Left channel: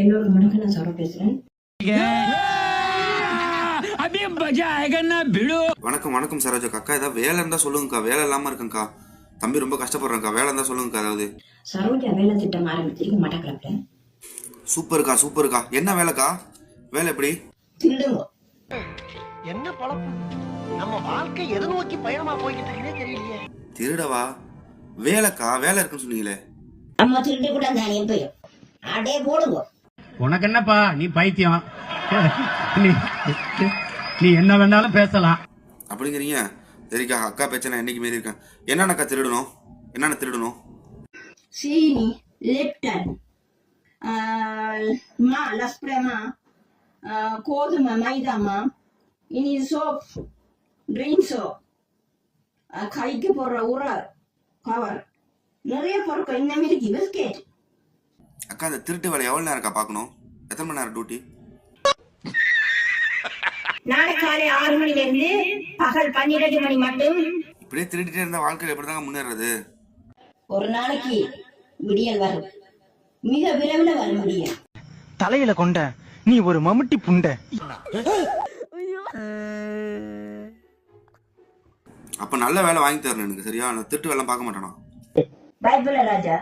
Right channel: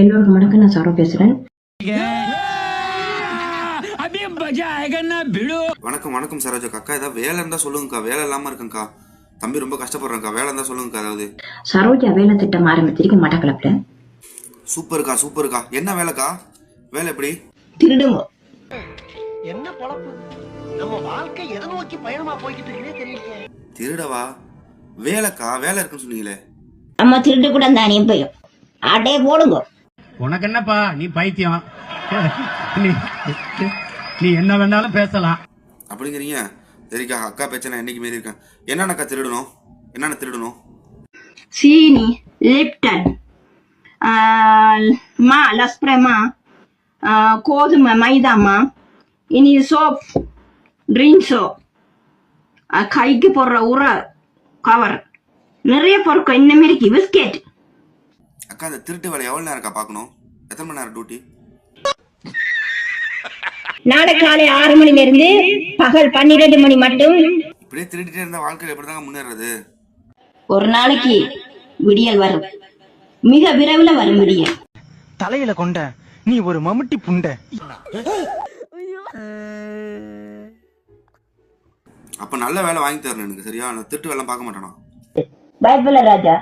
எல்லோருக்கும் வணக்கம். நான் சரோ பேசுறேன். வணக்கம் வணக்கம் சரோஜா அக்கா. ஏதாவது வேலை இருந்தா சொல்லுங்கக்கா. வேலை இல்லாம இருக்கேன்க்கா. தம்பி ரொம்ப கஷ்டப்படுறேன்க்கா. வேலை இருந்தா சொல்லுங்கக்கா. ஏதாவது சரோஜா வேலை திட்டம் ஆரம்பிச்சிருக்கு மட்டக்களப்புல. சூப்பர்க்கா சூப்பர்க்கா. என்ன வேலைக்கா? வேலை எப்படி? திருடுங்க. என்ன பொழப்பு? நம்ம வாழ்க்கை எதை நோக்கி பயணமா போய்கிட்டு இருக்குன்னே தெரியலையே. திருடவா? வேலைக்கா? வேலை இருக்குன்னு சொன்னீங்களே. அம்மா திருட்டு கூட தானே போயும் அடே போடுங்க. உனக்கு என்னப்பா, நீ பைத்தியம். நீ என்ன வேணாலும் பேசலாம் அப்படிங்கிறீங்க. சரிக்கா, அக்கா பிரச்சனை என்னைக்கு மீறி இருக்கேன். என்னென்னக்கா திருடணும்? என்னென்ன திருடணும்? சீனி, லிப்டன், மா லஸ்பிரமா, கோதுமை மைதாமா, இனி சோப், ட்ரிங்க் சோப், கைக்கு போடுற உர கவர், நிறைய பொருட்கள் இன்னும் இருக்கு. பிஸ்கெட். அக்கா, அந்த திருட்டு வேலை எவ்வளோ நேரம்க்கா பார்க்கணும்? எத்தனை மணி நேரம் டியூட்டி? நாளை காலை 6 மணில இருந்து பகல் 12 மணி மட்டும். இப்படியே திருடிட்டே இருந்தா வாழ்க்கையில் எப்படிதாங்க முன்னேறது? ஒரு நாளைக்கு விடியல் வரும், மிக விரைவில் வரும் விடியல். தலையில கொண்ட நீ ஒரு மம்முட்டி புண்ட. அப்ப நல்ல வேலை வாங்கி தரணும் எனக்கு. சரியா? நான் திருட்டு வேலை பார்க்க மாட்டேனா? பைபிள் ராஜா.